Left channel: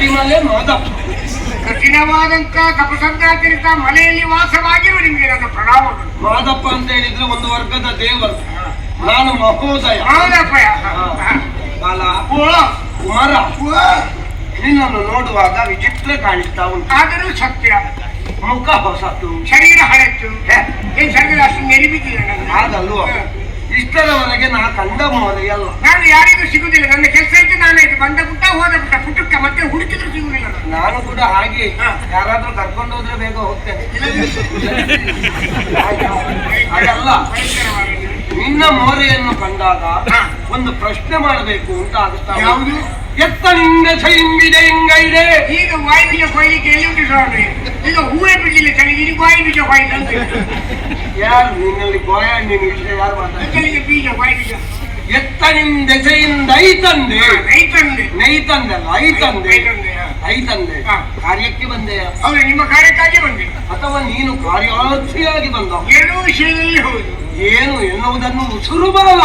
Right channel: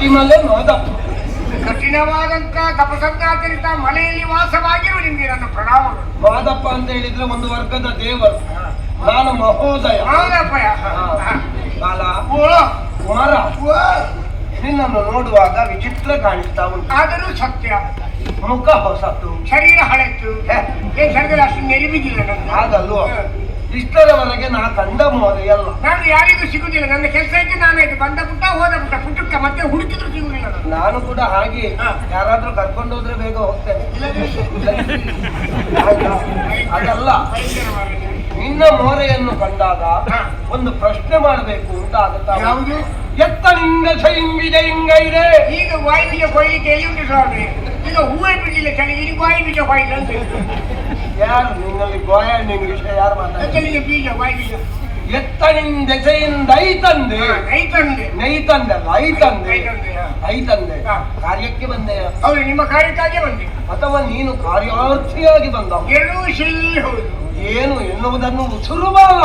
ಶಬರಿಮಲೆ ಮಾದಪ್ಪ. ಕಠಿಣವಾದಂತ ತಪಸನ್ನಾಚರಿತ ಮಲೆಯಲ್ಲಿ ವಾಸವಾಗಿರುವ ನಿಮಗೆ ನನ್ನ ಪ್ರಣಾಮಗಳು. ಮಾದಪ್ಪ ಅಂತ ಹೇಳಿದ್ರೆ ಒಂದು ವರ್ಗದ ದೇವರು, ನಾನು ಮಹೋದಯ. ಬಾಲ ಕುಮಾರ, ನಿನ್ನನ್ನು ನೋಡುವಾಗ ವಿಚಿತ್ರ ಕಾಣಿಸ್ತಾ ಉಂಟು. ಆದರೂ ಸತ್ಯ. ಮುಖ ಹೊಸತು, ಶರೀರ ಹಳತ್ತು, ಶರೀರ ಅಷ್ಟು ಮೆಲಿಬಿದ್ದಿಲ್ಲ ನನ್ನ. ಹಾಗಲ್ವ? ಇಷ್ಟರವರೆಗೆ ನಾ ಕಂಡ ಮೋರೆಯಲ್ಲ. ನಾನು ಯಾರಿಗೂ ಸಿಗುದಿಲ್ಲ. ನನ್ನ ಕೆಲಸ ಇದ್ದು ನಾನಾಯ್ತು, ಬಂದ ಪುಟ್ಟ ಹೋದ ಪುಟ್ಟ ಪುಟ್ಟಕ್ಕೆ ಮತ್ತೆ ಹುಡುಕಿದ್ರು ಸಿಗುದಿಲ್ಲ. ನಾನು ಕೂಡ ಹಾಗೆ, ಯಾರಾದ್ರೂ ಕರ್ಕೊಂಡು ಹೋದ್ರೆ ಬೇಗ ಹೋಗ್ತೇನೆ. ಹಾಗಲ್ಲ, ನಿನ್ನ ಮೋರೆಯನ್ನು ಕಂಡಾಗ ಒಂದು ಪ್ರಶ್ನೆ ಮಾಡಬೇಕು ಅಂತ ಆಗುತ್ತಾ. ಯಾವುದು? ಎತ್ತನಿಂದ ಸೈಂಗಿದೆ ಹಿಂಗೈದೆ. ಈಗ ವಾಯು ಬೀಜ ಕೊಯ್ಲಿಕ್ಕೆ ಎಲ್ಲಿ ಉಂಟು ಸ್ವಾಮಿ? ಈಗ ಹೂವೇ ಬಿಡಲಿಲ್ಲ ಚಳಿ, ಈಗ ವಾಯು ಬೀಜ ಕೊಯ್ಲು ಅಂತ. ಯಾರು ನಿನ್ನಲ್ಲಿ ಗೋಯ ಹಣ್ಣಿನ ವಿಷಯ ಯಾರು ಮಾತಾಡ್ತಾರೆ? ಬೀಜ ವಾಯು ಬೀಜ ಎತ್ತನಿಂದ ದೆಸೆಯಿಂದ ಐತಂದೆ. ನೈತಂದೆ ನೈತಂದಲ್ಲ, ಐತಂದೆ. ಐತಂದೆ ಕಾರ್ಯಕ್ಕೆ ಬಂದೆಯ? ಹೌದು, ನಿಮ್ಮ ಕಾರ್ಯಕ್ಕಾಗಿ ಬಂದೆ. ಅಥವಾ ನೀನು ಕಾರ್ಯಾರ್ಥಿಯಾಗಿ ಬಂದ? ಎರಡೂ ಶೈಲಿ ಹೌದು. ಏನು ಎನ್ನುವುದನ್ನು ಉಸುರುಬಾಲ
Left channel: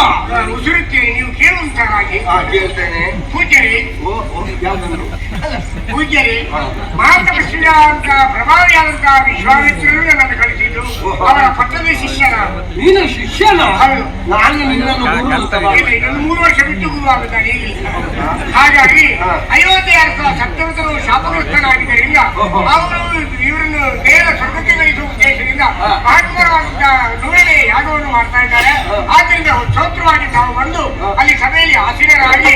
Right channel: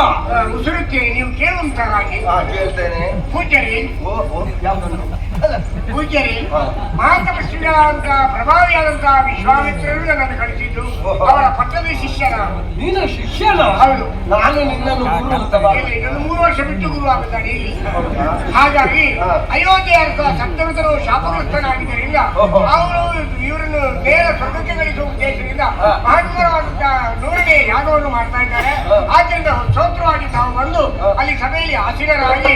ಉಸುರುತ್ತೇನೆ, ನೀವು ಕೇಳುವಂತ ಹಾಗೆ. ಕೇಳ್ತೇನೆ. ಪೂಜಾರಿ, ಪೂಜಾರಿ, ಮಹಾತಪಸ್ವಿಯ ಅಂತ ಪ್ರಭಾವಿಯಾದಂತಹ ವಿಶ್ವಾಮಿತ್ರರು ನನ್ನನ್ನು ಕಳಿಸಿದ್ದು. ಅವರ ಪಟ್ಟದ ಶಿಷ್ಯನ. ನೀನು ಶಿಷ್ಯನ? ಹೌದು. ನಾನು ನಿನ್ನನ್ನು ಗುರು ಅಂತ ಇನ್ನೊಂದು 3 ವರ್ಷ ಬಿಟ್ಟು ಗುರು ಆಗುತ್ತಾನೆ. ಹಾಗಾಗಿ ಅಯೋಧ್ಯೆಯ ಸಪ್ತಮತರು ಶಾಪಗ್ರಸ್ತನಾಗಿದ್ದರಿಂದ ಅವರು ಇವರನ್ನು ನೇರ ಸ್ವರ್ಗಕ್ಕೆ ಗಳಿಸುವ ಉದ್ದೇಶದಿಂದ ಮಹತ್ವರವಾದಂತಹ 100ನೇ ಯಾಗವನ್ನು ಮಾಡ್ತಾ ಇದ್ದಾರೆ. ಆದ್ದರಿಂದ ಸ್ತೋತ್ರವಾಗಿ ತಾವು ಬಂದು ಅಲ್ಲಿ ಸಭೆಯಲ್ಲಿ ಆಸೀನರಾಗಿ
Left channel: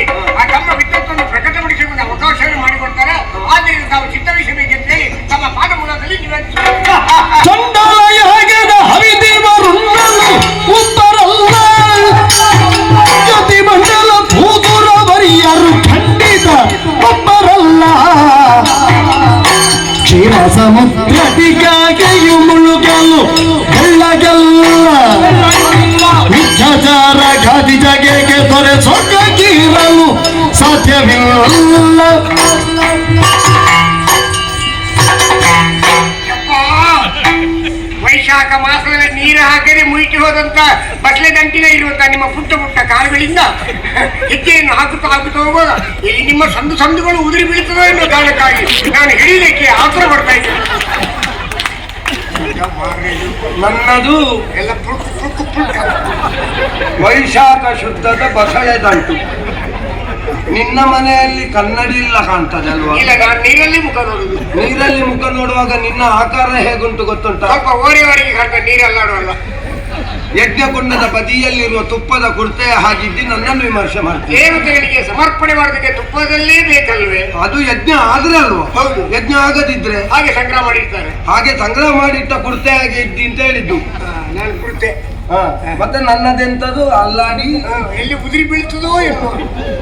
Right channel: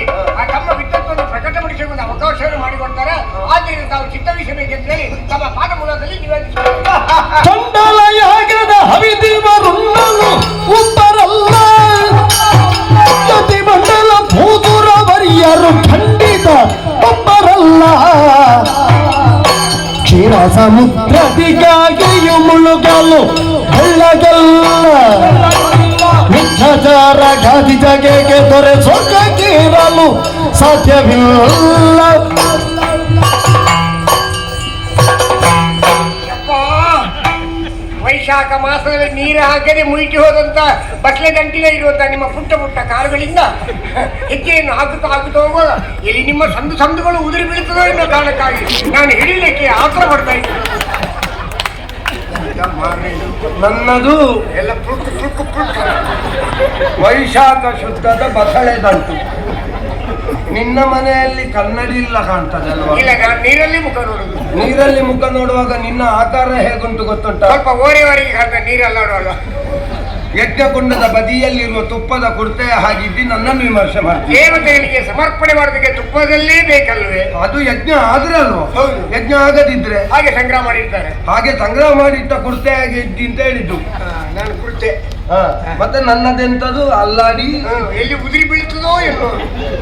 ತಮ್ಮ ವಿದ್ವತ್ತನ್ನು ಪ್ರಕಟಪಡಿಸಿಕೊಂಡು ಅವಕಾಶವನ್ನು ಮಾಡಿಕೊಡ್ತಾರೆ. ಆದ್ದರಿಂದ ತಾವು ಚಿತ್ತವಹಿಸಬೇಕೆಂತ ಹೇಳಿ ತಮ್ಮ ಪಾಠ ಮೂಲದಲ್ಲಿ ನಿವೇದಿಸುತ್ತಾರೆ. ಖಂಡಿತ ಒಬ್ಬರಲ್ಲ. ಕ್ಷೀರ ಸಮುದ್ರದಿಗಾಗಿಯೂ ಮುಳುಗಲು ಬೆಳ್ಳಗಲ್ಲ. ಮಿಥ್ಯಾಚಾರ ಗಾದಿ ಜಗೆಗೆ ದೊರೆ ಸೊಗ್ಗೀರಲು ಸಾಧ್ಯವಿಲ್ಲ. ವೈಶಾಖ ಮಾಸದಲ್ಲಿ ನೀರು ಹಾಕದೆ ಮುಯಿಟಿ ಹೋದಂತ ಬಟ್ಲೆ ದಂಟಿನ ಇರುವಂತ ನಿಮ್ಮ ಪುಟ್ಟ ಪುಟ್ಟ ಕಾರುಗಳಿಂದ ಹೆಜ್ಜೆಯನ್ನು ಹಾಕುತ್ತಾ ಹೋಗೋದ ಇಲ್ಲಿ ನಿಮ್ಮ ಸಂದುಗಳು ಉದುರಿ ಬೀಳ್ತದೆ ಎನ್ನುವ ಕಾರಣಕ್ಕಾಗಿ ನಾನು ಹಿಡಿಯಲಿಕ್ಕೆ ಆತರ ಪಡ್ತಾ ಇದ್ದೆ. ನನ್ನದು ಎಲ್ಲ ಪುಟ್ಟ ವೈಶಾಖ ಶುದ್ಧದ ಬಸಳೆ ದಂಟು. ನಿನ್ನ ಮನೆಯಲ್ಲಿ ಕನ್ನಡಿ ಇಲ್ಲ ಕಾಣ್ತದೆ ಅಲ್ವಾ? ಇಲ್ಲ, ನಾನು ನೀರಲ್ಲಿ ಮುಖ ನೋಡುದು. ನೀರಲ್ಲಿ ಮುಖ ನೋಡುವಾಗ ನಿನ್ನ ಆಕಾರ ಹೇಗುಂಟು ಗೊತ್ತುಂಟ? ಸ್ವಲ್ಪ ಓರೆವರೆಗೆ ಕಾಣ್ತದೆ ನೀರೆಲ್ಲ ನೋಡುವಾಗ. ಯಜ್ಞಕುಂಡದ ಬದಿಯಲ್ಲಿರುವ ತುಪ್ಪದ ಕುರ್ತೆಯ ಹಾಗಿದ್ದು ನನ್ನನ್ನು ವಿಮರ್ಶೆ ಮಾಡ್ತೀನಿ. ದೇವತೆಗಳಿಗೆ ಸಮರ್ಪಣೆ ಮಾಡೋದಕ್ಕೆ ತುಪ್ಪದಲ್ಲೇ ಬೇಕಲ್ವೇ? ಅದು ಯಜ್ಞ ಆದ್ರೆ ಅಲ್ವಾ? ಹೌದು. ಯಜ್ಞ ಆಗದಿದ್ರೆ ಹಾಗೆ ಸಂಗ್ರಹ ಮಾಡಿರ್ತಾರೆ. ಹಾಗೆ ಸಂಗ್ರಹ ಮಾಡಿಟ್ಟ ಕುರ್ತೆ ಆಗಿ ಇದ್ದಿ ಅಂತ ಹೇಳಿದ್ದು. ನಾನು ಕುರ್ತೆ ಮತ್ತೆ ನನ್ನದೆಂತದು ಅಲ್ಲಾಡಿ ಎಲ್ಲಿ ಉದುರಿ ಬೀಳ್ತದೋ ಏನೋ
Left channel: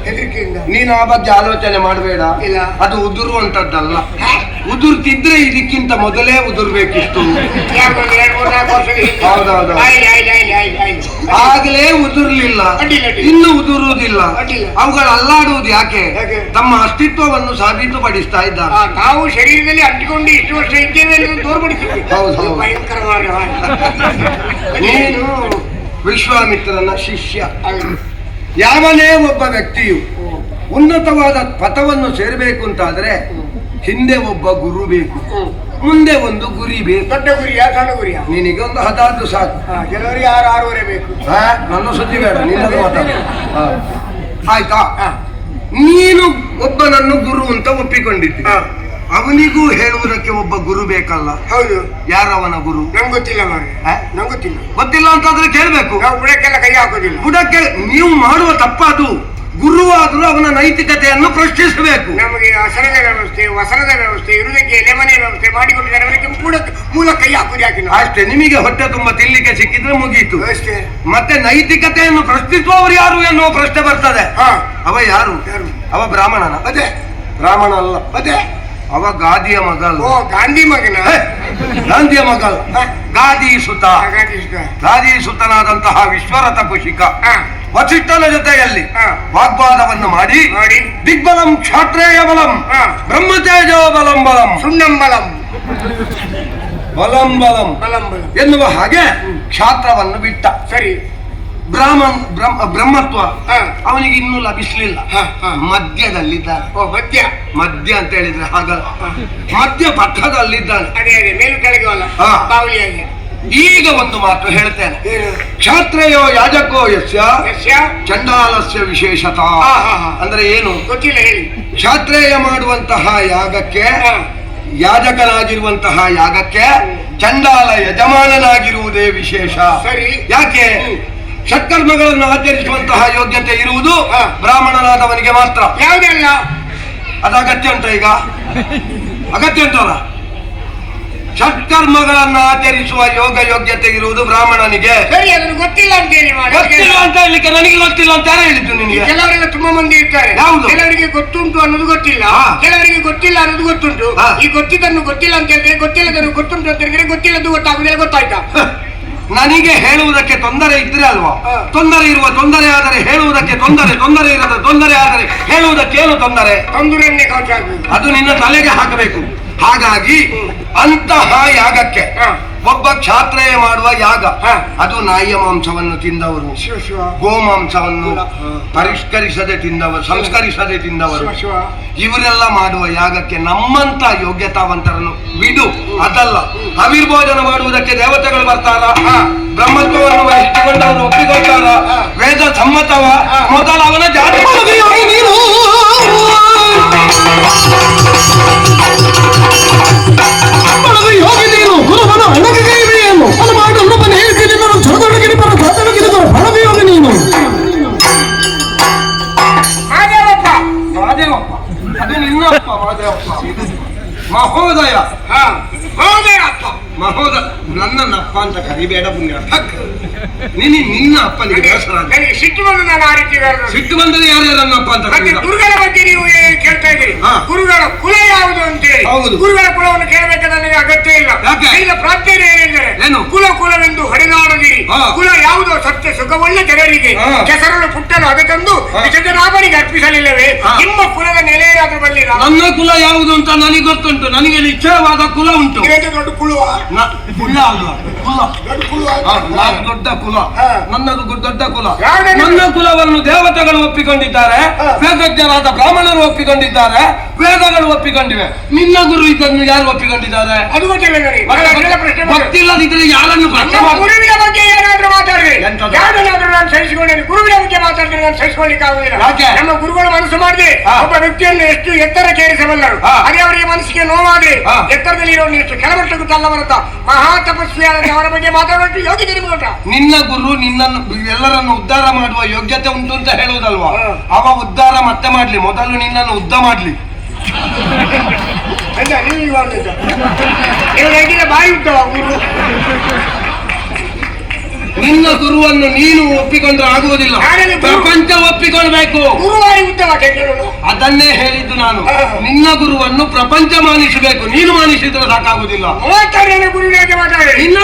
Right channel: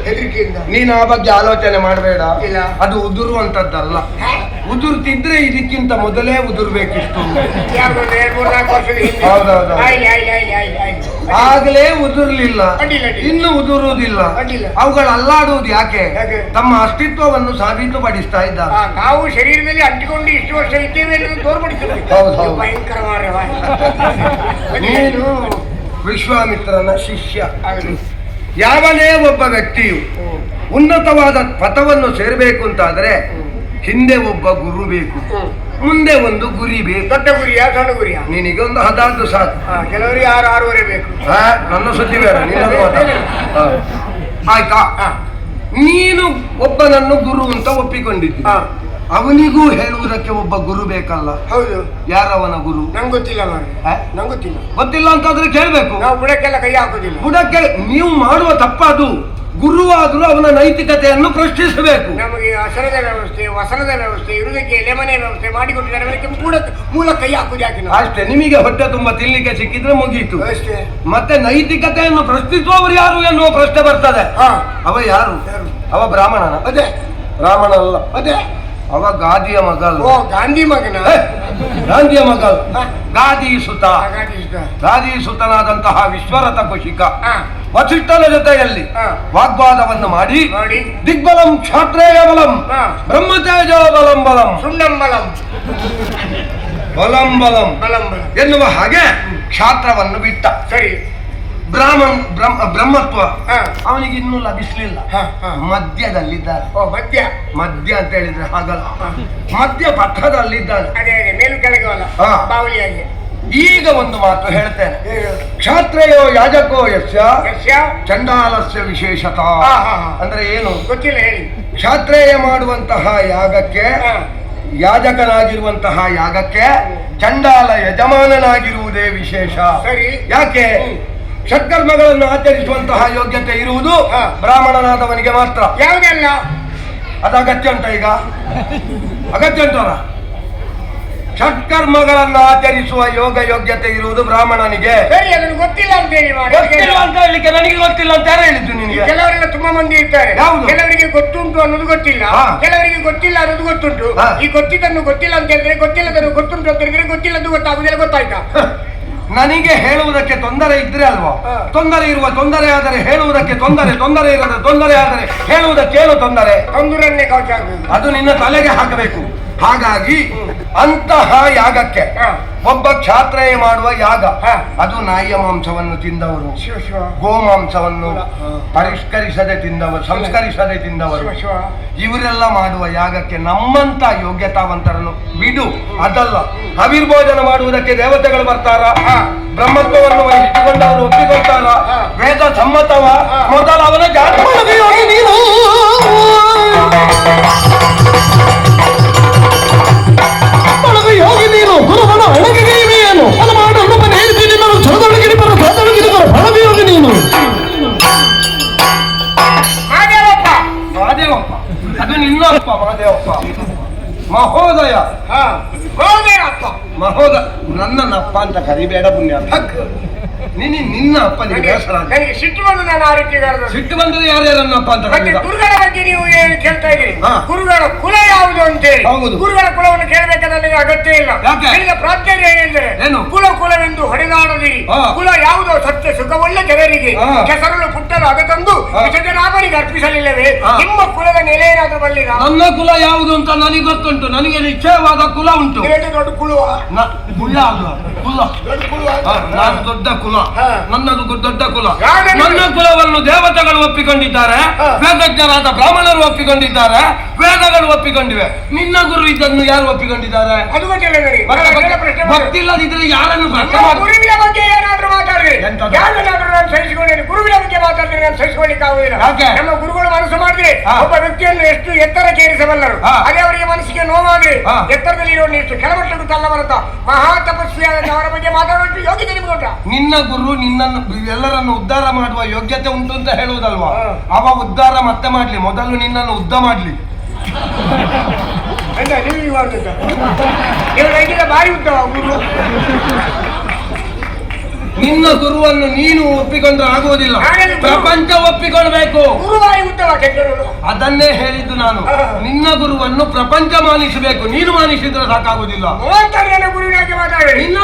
ಹೆದರಿಕೆಯಿಂದ. ನೀನು ಆ ಬಗ್ಗೆ ಆಲೋಚನೆ ಮಾಡಬೇಡ. ಇಲ್ಲ, ಅದು ಉದುರುವಂತದ್ದಲ್ಲ. ಉದುರ್ತಿದ್ರೆ ಇದಕ್ಕಿಂತ ಮೊದಲೇ ಉದುರ್ಬೇಕಿತ್ತು. ಹೌದೌದು, ಆಗಲೇ ಉದುರ್ಲಿಲ್ಲ, ಇನ್ನು ಉದುರುವುದಿಲ್ಲ. ಅವುಗಳು ಅಲ್ಲಾಡುವುದು ಯಾಕೆ? ತಮ್ಮ ಅಸ್ತಿತ್ವವನ್ನು ಸಾಬೀತುಪಡಿಸ್ತಾ ಇದ್ದಾರೆ. ನಾವು ಶರೀರದಲ್ಲಿ ಅಂಟಿಕೊಂಡು ಇಷ್ಟು ವರ್ಷ ಇದ್ದೇವೆ ಎಂದು ತೋರ್ಪಡಿಸಿದ್ವಿ. ಹೌದು, ಭಯಂಕರ. ನೀನು ವಿಶ್ವಾಮಿತ್ರನ ಶಿಷ್ಯ. ಯಾವನೇ ಒಬ್ಬ ವ್ಯಕ್ತಿಯು ಉನ್ನತವಾದ ಪಥವನ್ನು ಸೇರಬೇಕು ಅಂತಾದ್ರೆ ಹಿಂದೆ ಒಬ್ಬ ಗುರು ಬೇಕು, ಮುಂದೆ ಒಂದು ಗುರಿ ಬೇಕು. ದೊಡ್ಡ ಗುರಿಯಾ ಸಣ್ಣ ಗುರಿಯಾ? ನಿನಗೆ ಒಂದು 14 ಸಾಕು. ಕೆಲವರಿಗೆ 6-6ವರೆ ಬೇಕು. ನನ್ನ ಸುದ್ದಿ ಬೇಡ, ನಿನ್ನದು ಮಾತಾಡ ಆಯ್ತಾ? ನೀನು ಒಬ್ಬನನ್ನು ಗುರು ಅಂತ ಒಪ್ಪಿಕೊಂಡಿದ್ದಿ. ಅವನಿಗೂ ಹೇಳುವುದಕ್ಕೆ ಒಬ್ಬ ಗುರು ಬೇಕಲ್ಲ? ಹೌದು. ಯಾರವನ ಗುರು? ನಂಗೆ ಗೊತ್ತಿಲ್ಲ. ನಂಗೆ ಗೊತ್ತಿಲ್ಲ. ಗೊತ್ತಿಲ್ಲ ಅಂತಾದ್ರೆ ಕೇಳ್ಬೇಕು. ನಾವು ಬುಡಕ್ಕೆಲ್ಲ ಕೈ ಹಾಕೋದಿಲ್ಲ. ಬುಡಕ್ಕೆ ನೀವು ಮಾಡುವ ತಪ್ಪದು. ಗುರುವಾದರೂ ಅವನ ನೈತಿಕತೆಯನ್ನು ಪ್ರಶ್ನಿಸಬೇಕು. ನಮಗೆ ಹಸರದ ವ್ಯವಸ್ಥೆ, ವಸನದ ವ್ಯವಸ್ಥೆ, ಇರುವುದಕ್ಕೆ ಎಲೆಮನೆ ವ್ಯವಸ್ಥೆ ಮಾಡಿಕೊಟ್ಟಿದ್ದಾರೆ. ಅವರಿಗೆ ಮೂಲ ಕೈ ಹಾಕುದು ಯಾಕೆ? ಅಷ್ಟೇ. ನಿಮಗೆ ಹೊಟ್ಟೆ ತುಂಬಾ ತಿನ್ಲಿಕ್ಕೆ ಸಿಕ್ಕಿದ್ರೆ ಮುಗೀತು ಅಷ್ಟೇ. ಮತ್ತೆ ನೈತಿಕತೆಯನ್ನು ಪ್ರಶ್ನಿಸುವವರು ಯಾರು ಎನ್ನುವ ಪ್ರಶ್ನೆ ಬರ್ತದೆ. ಅವ ಯಾರು? ಅವ ಬ್ರಾಹ್ಮಣನ? ಅದೇ. ಬ್ರಾಹ್ಮಣ ಅಲ್ಲ, ಅದೇ. ಅವ ಗಾದಿಯ ಮಗ. ಓ, ಗಾಂಧಿ ಮಗನ? ಗಾಂಧಿಯ ಮಗ, ಗಾದಿ ಸುತ. ಗಾದಿ ಸುತನಾದಂತಹ ವಿಶ್ವರಥ ಕುಶಿಕ ವಸಿಷ್ಠನ ಜೊತೆಯಲ್ಲಿ ವಾಗ್ವಾದವನ್ನು ಮಾಡಿ ದಿಗ್ಬಲಂ ಕ್ಷಾತ್ರೇಯ ಬಲಂ ಬ್ರಹ್ಮತೇಜೋ ಬಲಂ ಬಲಂ ಸುಣ್ಣಂ ಬಲಂ ಬಲಂ ಬಲಂ ಎನ್ನುವ ಹಾಗೆ ಕ್ಷಾತ್ರವನ್ನು ಬಿಟ್ಟ. ಸರಿ. ಬ್ರಹ್ಮತ್ವ ಹಾ. ಅವನಿಗೆ ಇನ್ನೂ ಲಭಿಸಲಿಲ್ಲ. ಹಾ, ಹಾ. ಮಧ್ಯದಲ್ಲಿದ್ದಾನೆ. ಓ ಮಧ್ಯ. ಮಧ್ಯ ಅಂತ ಹೇಳಿದ್ರೆ ಹಾಗಲ್ಲ, ಮಧ್ಯ ಪಥದಲ್ಲಿದ್ದಾನೆ. ಅದೇ ಅದೇ ಮೇಲು ಕೆಳಗೆ ಅಲ್ಲ, ಹಾ. ಬಾವಲಿಯಾಗಿ. ಈಗ ಒಂದು ಮಾತು ಹೇಳ್ತೇನೆ. ಏನು? ಕ್ಷಾತ್ರೇಯೋ ಯಾಜಕೋ ಯಸ್ಯ ಯಸ್ಯ ಚಂಡಾಲಸ್ಯ ವಿಶೇಷತಾ. ಹಾ, ಹಾ, ಹಾ. ಅಂದ್ರೆ ಏನು? ಗೊತ್ತಿಲ್ಲ, ಹೇಳಿ. ಕ್ಷಾತ್ರೇಯ ಮಾಡುವಂತಹ ಯಾಗಕ್ಕೆ, ಹಾ. ಯಾಜಕನಾಗಿರುವಂತಹ ಯಾಗಕ್ಕೆ ಚಂಡಾಲ ಯಜಮಾನನಾಗಿರುವುದೇ ವಿಶೇಷ. ಸರಿ. ಯಾಕೆ? ಷಟ್ಕರ್ಮಗಳನ್ನು ಆಚರಿಸುವಂತಹ ಯೋಗ್ಯತೆ ಇರುವುದು ಹಾ. ಬ್ರಾಹ್ಮಣನಾದವನಿಗೆ ಮಾತ್ರ. ಯಾವುದೆಲ್ಲ? ಅದು ಅಗತ್ಯ ಉಂಟ ಈಗ? ಅಗತ್ಯ ಉಂಟಲ್ಲ? ಷಟ್ಕರ್ಮಗಳನ್ನು ಆಚರಿಸುವ ಯೋಗ್ಯತೆ ಇರುವುದು ಬ್ರಾಹ್ಮಣನಿಗೆ. ಸರಿ, ಅದನ್ನು ಗೊತ್ತಿಲ್ಲ ಅಂತ ಹೇಳಿ ಮಾಡಿ. ಗೊತ್ತಿಲ್ಲ ಅಂತ ಹೇಳಲಿಕ್ಕೆ ನನಗೆ ಗೊತ್ತಿಲ್ಲ ಅಂತ ಯಾರು ಹೇಳಿದ್ದು ನಿನಗೆ? ಕೆಲವರೆಲ್ಲ ತುಂಬಾ ಮಂದಿ ಇರ್ತಾರೆ. ಯಾವುದು? ಕೆಲವರಿಗೆ ಗೊತ್ತುಂಟು ಅನ್ನೋದು ಗೊತ್ತಿಲ್ಲ, ಹಾ. ಕೆಲವರಿಗೆ ಗೊತ್ತಿಲ್ಲ ಅನ್ನೋದು ಗೊತ್ತುಂಟು. ಹಾ. ಈ ಗೊತ್ತಿದ್ದನ್ನು ಗೊತ್ತಿಲ್ಲ ಅಂತ ಹೇಳಿದ್ರೆ, ಗೊತ್ತಿಲ್ಲದನ್ನು ಗೊತ್ತುಂಟು ಅಂತ ಹೇಳಿದ್ರೆ, ಗೊತ್ತಿಲ್ಲದ್ದು ಗೊತ್ತಾಗುದಿಲ್ಲ. ಗೊತ್ತಾಯ್ತಾ? ನನಗೆ ಹೇಳುವುದಕ್ಕೆ ತೊಂದರೆ ಇದ್ರೆ ಅಲ್ವಾ? ಹಾ. ತೊಂದರೆ ಇರುವ ತೊಂದರೆ ಆದರೆ ಹೇಳುವುದಕ್ಕೆ ತೊಂದರೆ, ತೊಂದರೆ ಇರದ ತೊಂದರೆ ಆದರೆ ಹೇಳುವುದಕ್ಕೇನು ತೊಂದರೆ? ತಂದುರನ್ನೇ ಕೌಚ ಆಗ್ಬೇಕು. ಅದು ನಿನ್ನ ತಲೆಗೆ ಹಾಕಬೇಕು. ಹಾಗಾಗಿ ಅಂತಹ ಯಾಗಕ್ಕೆ ಹಾ. ಒಬ್ಬ ಕ್ಷಾತ್ರೇಯ ಮಾಡುವ ಯಾಗ, ಹಾ. ಅದು ನಾಯಿಯ ಮಾಂಸವನ್ನು ತಿಂದವರು, ಶಿವ ಶಿವ ಗೋಮಾಂಸವನ್ನು ಹಾ. ಪರಿಷ್ಕರಿಸದೆ ತಿಂದವರು, ಸಂಸ್ಕರಿಸದೆ ತಿಂದವರು, ಶಿವ ಶಿವ. ಇವರೆಲ್ಲ ಮಾಡುವ ಯಾಗಕ್ಕೆ ನಮ್ಮಂತ ಯೋಗ್ಯತಾವಂತರನ್ನು ಬಿಡು. ಅದಲ್ಲ, ಅವಿರ್ಭೋಜನ ಮಾಡುವುದಕ್ಕೆ ದೇವತೆಗಳು ಬರ್ತಾರ, ಹಾ. ಬ್ರಹ್ಮತ್ವವನ್ನು ವಹಿಸಿಕೊಂಡವರು ಒಪ್ಪಿಕೊಳ್ತಾರ, ಹಾ. ವೇದ ಸಮ್ಮತವ, ಹಾ. ಮೊದಲು ಅವನ ಜಾತಿ ನೀನು ಬಳಗ ಯೋಗಿ ನೀನು ಗುರುವನ ಅಣಗೈವೆಯೇನು ಅದು ಮಾಡಿ ಅಲ್ಲಪ್ಪನ ಹೇಳ್ತೀನಿ ನಾನು ಚರದೊಳಗಿರಿ ಬರ ಸಾತೊಳಗಿರಿ ಬರ ಬಳಗ ಯೋಗಿ ನೀನು ಮಾದೇವಪ್ಪ. ಮಹಾದೇವಪ್ಪ, ಅದು ನಿನ್ನ ಅಪ್ಪ ಮಹಾದೇವಪ್ಪ. ಮಹೋದಯ. ಹಾ. ಮಾದೇವಪ್ಪ. ಮಹೋದಯ ನನ್ನಪ್ಪ ಅಂತ ಕರಿಬೇಡ ಪುಣ್ಯ. ನಿನ್ನ ಅಪ್ಪನಿಗೆ ಬೇಸರ ಆಗಿದೆ. ನನಗೆ ಸಿಟ್ಟು ಬಂದು ನಾನು ಆ ರೀತಿ ಹೇಳಿದೆ. ಸಿಟ್ಟು ಬಂದರೆ ಯಾರ್ಯಾರನ್ನಪ್ಪ ಅಂತ ಮತ್ತೆ ಕರೀದ? ಗುರುಗಳ ಬಗ್ಗೆ ನೀವು ಏನು ಕೇಳ್ತಾ ಇದ್ದೀರಿ? ಹಾ. ಗುರುಗಳ ಕುಲ ಯಾವುದು ಅಂತ ಹೇಳಿ. ಹೌದು. ಗುರುಗಳ ಕುಲವನ್ನು ಕೇಳಬೇಕಾದ ನನಗೆ ಅಗತ್ಯ ಇಲ್ಲ. ಯಾಕೆ? ಈಗ ಪ್ರಾರ್ಥನೆ ಏನೆಂದರೆ, ಏನು? ಕುಲವೆಂದು ಹೊಡೆದಾಡದಿರಿ. ಹಾ. ಕುಲ ಯಾವುದೋ ಸತ್ಯ ಸುಖವುಳ್ಳ ಜನರಿಗೆ ಹಾ. ಕೆಸರನ್ನು ಪುಟ್ಟನ್ನು ಅಗತಂದು ಹಾ. ವಿಸರ್ಜನಾಭರಿಗೆ ಅರ್ಪಿಸಲಿಲ್ಲವೇ? ಹಾ. ನಿಮ್ಮ ಕುಲದ ನೆಲೆ ಏನಾದ್ರೂ ಬಲ್ಲಿರ? ನನ್ನ ಕುಲ ಯಾವುದು ಅಂತ ನನಗೆ ಗೊತ್ತುಂಟು. ನನಗೆ ನಿಶ್ಚಯವಾದ ಕುಲ ಉಂಟು. ಏನು ದೊಡ್ಡ ಕುಲುವ? ಕುಲ ಅಲ್ವಾ? ಕುಲ. ದೊಡ್ಡ ಕುಲುವ? ನಾನು ದೊಡ್ಡ ಕುಲ. ಹಾ. ನನ್ನದು ದೊಡ್ಡ ಕುಲ. ಯಾವ್ದು? ನನ್ನ ಕುಲವನ್ನು ದೇವತೆಗಳು ಒಪ್ಪಿಕೊಂಡಿದ್ದಾರೆ, ಹಾ. ವೇದಜ್ಞರಾದ ಬ್ರಾಹ್ಮಣರು ಒಪ್ಪಿಕೊಂಡಿದ್ದಾರೆ, ವೇದಗಳು ಒಪ್ಪಿಕೊಂಡಿವೆ. ನಿನ್ನ ಗುರು ಇದನ್ನು ಯಾರು ಒಪ್ಪಿಕೊಂಡಿದ್ದಾರೆ? ಅದು ಗೊತ್ತಿಲ್ಲ ನನಗೆ. ನಾನು ಅದೆಲ್ಲ ಪ್ರಶ್ನೆ ಮಾಡಿದೆ. ಗೊತ್ತಿಲ್ಲದಿದ್ರೆ ಯಾರನ್ನು ಪ್ರಶ್ನೆ ನಮ್ಮ ಮಾಡಿ? ಗುರುವಿನ ಬಗ್ಗೆ ಏನಾದ್ರೂ ಮಾತಾಡ್ರಿ. ಎಂತದು? ಯಾವ್ದನ್ನಾದ್ರೂ ನಾನು ಸಹಿಸಿಕೊಂಡೇನೆ. ಗುರುವಿನ ಬಗ್ಗೆ ಮಾತಾಡಿದ್ರೆ ನಾನು ಸಹಿಸಿಕೊಳ್ಳಿಕ್ಕೆ ಆಗುದಿಲ್ಲ. ಯಾಕೆ? ನಮ್ಮ ಗುರುಗಳು ಮನಸ್ಸು ಮಾಡಿದೆ ಹಾ. ಒಬ್ಬ ವ್ಯಕ್ತಿಯನ್ನು ಎಷ್ಟು ಎತ್ತರಕ್ಕೇರಿಸಬಲ್ಲರು. ಹಾ. ಅದೇ ಅವರಿಗೆ ಮನಸ್ಸಿಗೆ ನೋವಾಗ್ಲಿ, ಹಾ. ಎತ್ತರದಲ್ಲಿ ಇರೋ ಎಷ್ಟು ಕೆಳಮಟ್ಟಕ್ಕೂ ತಲ್ಲಬರುತ್ತ ಮಹಾ ತಪಸ್ವಿಯಾದ ಅವರ ಬಗ್ಗೆ ಮಾತಾಡೋದು ಯೋಗ್ಯತೆ ನಿಮ್ಗೆ ಉಂಟಾ? ನಿನ್ನ ಗುರು ನಿನ್ನನ್ನು ಎಲ್ಲರನ್ನು ಉದ್ಧಾರ ಮಾಡುವ ಯೋಗ್ಯತೆ ಉಂಟು ಅಂತ ಹೇಳುವುದಲ್ವಾ? ಹಾ. ಅವ ಉದ್ಧಾರ ಮತ್ತೆ ಮಾಡ್ಲಿ, ಮೊದಲು ನಿನ್ನನ್ನು ಉದ್ದ ಮಾಡ್ಲಿ. ಅಲ್ಲ, ನೀವು ಇವಾಗ ನೀವು ಹೇಗಿಲ್ಲ ಬಾಯಿ ಉಂಟವ ಗುರು. ನಿನ್ನ ಗುರುವನ್ನು ನೀನು ಒಪ್ಪಿಕೊಂಡ್ರೆ ಆಗುವುದಿಲ್ಲ, ಹಾಗಾದ್ರೆ ಗುರು- ಪ್ರಪಂಚ ಒಪ್ಪಿಕೊಳ್ಬೇಕು. ಗುರುವಾಯಿ ಉತ್ತಮ ಕೆಟ್ಟರು. ಅದನ್ನೇ ಹೇಳಿದ್ದು ನಾನು. ಹಾ. ನಿನ್ನ ಗುರುವನ್ನು ಪ್ರಪಂಚ ಮಾನಿಸಬೇಕು, ನೀನು ಮಾನಿಸಿದ್ರೆ ಸಾಕಾಗುವುದಿಲ್ಲ. 36 ಗುರುವಿನ ಬಗ್ಗೆ ಮಾತಾಡಿ. ನಿನ್ನ